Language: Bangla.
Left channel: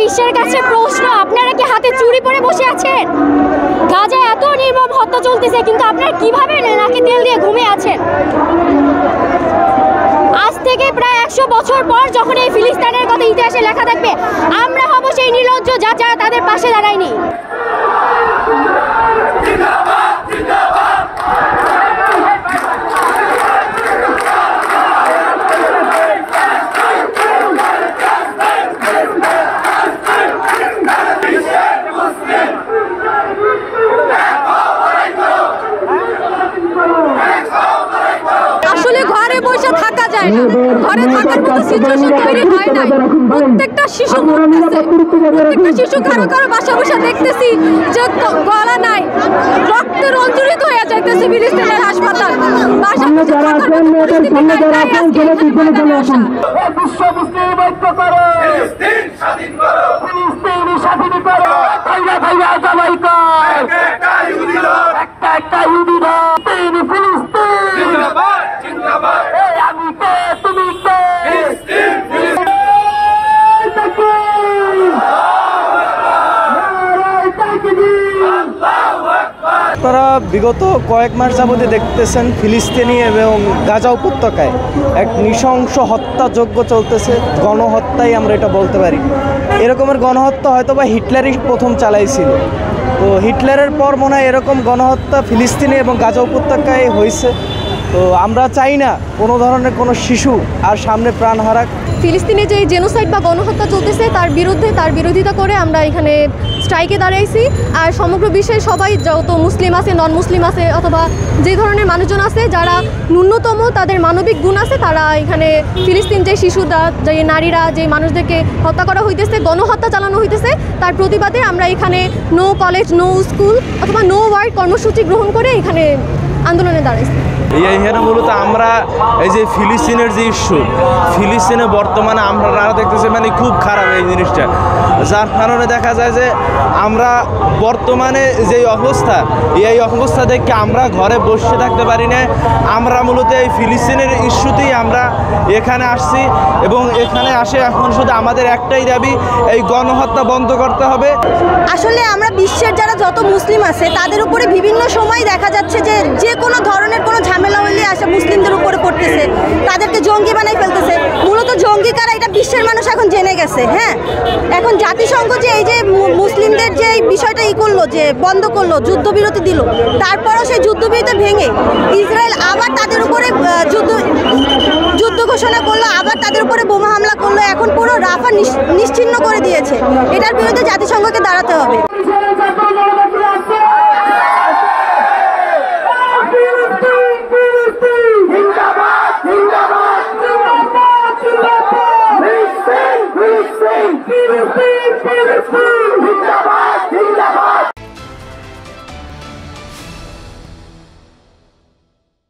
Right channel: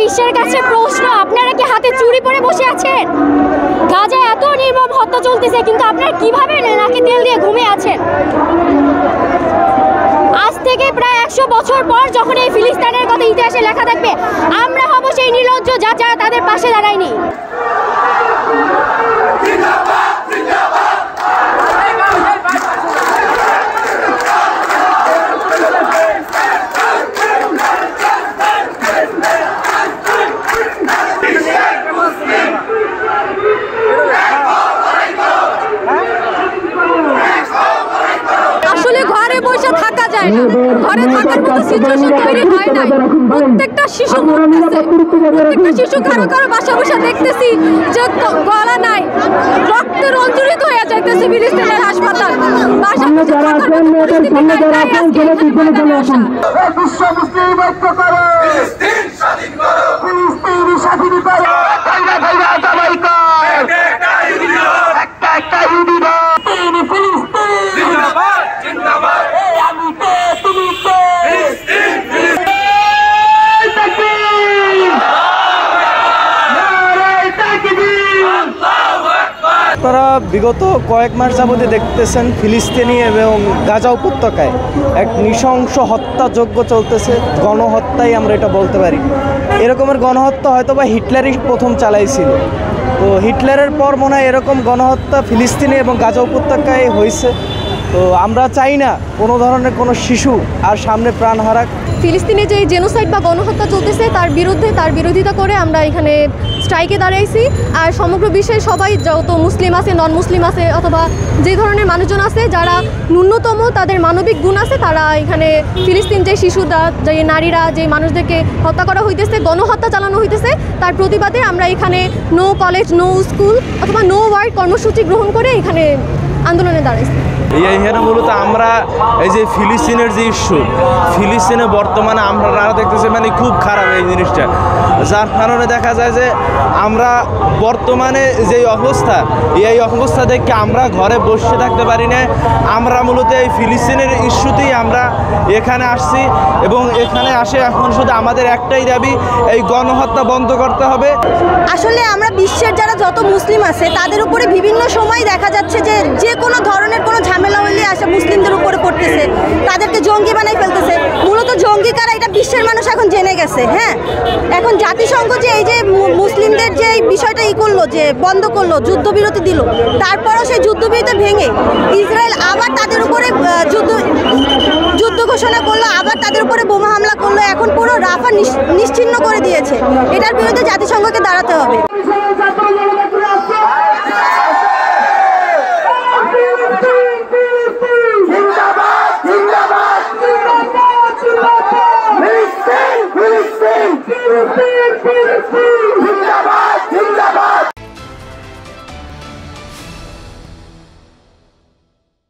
বিশ্বের কাছে প্রশ্ন, আপনারা কি হাতে চুরি পরে বসে আছেন? গাজায় এত নির্মম হত্যা চলতেছে, কিন্তু আপনারা কিভাবে নাকে তেল দিয়ে ঘুমিয়ে আছেন? আজ থেকে প্রায় 100 বছর পর যখন এই ফিলিস্তিনের কথা ইতিহাসে লেখা থাকবে, আমরা হব সেই নির্লজ্জ যারা তাদের পাশে দাঁড়ায়নি। আসলে ঘরে বসে থাকা যায় না, ঘরে থাকার মতো সিচুয়েশন তৈরি হয় না। প্রত্যেকটা শিশু মরতেছে, প্রত্যেকটা শিশু কারো কারো বাসা বসে দেখতেছি যে গলা নাই, রক্তে রঞ্জরিত হয়ে যাইতেছে ফিলিস্তিনের হাসপাতাল। বাসা বসে থাকার মতো পরিস্থিতি নাই, তাই আজকে এখানে বসা। ফিলিস্তিন স্বাধীন করো, ফিলিস্তিন স্বাধীন করো, একটা ইহুদি না, ফিলিস্তিন জিন্দাবাদ, জিন্দাবাদ, আমি তো তুমি তো, ফিলিস্তিন আপনারা বিগত কয়েক মাস যাবতীয় দেখতেছেন ফিলিস্তিনি এবং গাজা উপত্যকায় এক নৃশংস হত্যাযজ্ঞ চলতেছে, গণহত্যাই আমরা এটা বলতে পারি। এরকমের গণহত্যা হয়তো বা হিটলারই প্রথম চালাইছিল, তো হিটলারের পর মনে হয় এরকম গণহত্যা ফিলিস্তিনি এবং গাজা উপত্যকায় হয়েছে। তো আমরা চাই না কোনো ধরনের কোনো শিশু আর সামনে প্রাণ হারাক। ফিলিস্তিনে যে জেনোসাইড বা গণহত্যা চলতেছে তার বিরোধিতা করে আমরা এখানে স্ট্রাইকে দাঁড়াইছি। আর সমগ্র বিশ্বের সবাই, যত মুসলিম আছে, নন মুসলিম আছে, অথবা যে ধরনের মানুষজন আছে যারা ন্যূনতম তাদের মানবিক গুণ আছে, তারা এখানে ফিলিস্তিন যে শিশুরা, যে নারীরা, যে মানুষদেরকে হত্যা করা হইতেছে, গণহত্যা চালানো হইতেছে, তার প্রতিবাদে আমরা এখানে নো কলেজ, নো স্কুল অথবা নো ওয়ার্ক কর্মসূচি গ্রহণ করে এখানে আন্দোলনে দাঁড়াইছি। এখানে মূলত আমরা এই যে ফিলিস্তিনের যে ইস্যু, ফিলিস্তিনে বর্তমানে আমরা দেখতেছি মানে খুব খারাপ এই জিনিসটা, যার কারণে দেখা যায় যে আমরা বর্তমানে যে অবস্থা, এই অবস্থা দেখে আমরা ঘরে বসে থাকতে পারি না। আমরা মূলত এই ফিলিস্তিনের ইস্যুতেই আমরা এখানে আসছি এবং এখানে আসে এখন শুধু আমাদের একটাই দাবি, এই গণহত্যা বন্ধ করতে হবে। আসলে আমরা বিশ্বের যারা যত মুসলিম আছে তাদের উপরে বিভিন্ন সময় দেখা যাচ্ছে যে যে কোনো ধরনের কোনো ঝামেলা হইলে আসে মুসলিমদের উপরে পড়তেছে, তাদেরকে জঙ্গি বানাই ফেলতেছে। মূলত জঙ্গি কারা এটা বিশ্বের মানুষ এখন জেনে গেছে। হ্যাঁ, এখন জাতিসংঘ যে এই যে মুসলিমদের যে বিষয়টা করলো, যে বন্ধ করলো, যুদ্ধবিরতি দিল, তারপরও সেই যুদ্ধবিরতি ভেঙে ইসরায়েল আবার তাদের উপরে যুদ্ধ ঘোষণা করলো, আবার তাদের উপরে বোমা হামলা করলো। এখন পুরো রাফা নিশ্চিহ্ন করে দিয়েছে। এটার বিরুদ্ধে জাতিসংঘকে দাঁড়াতে হবে।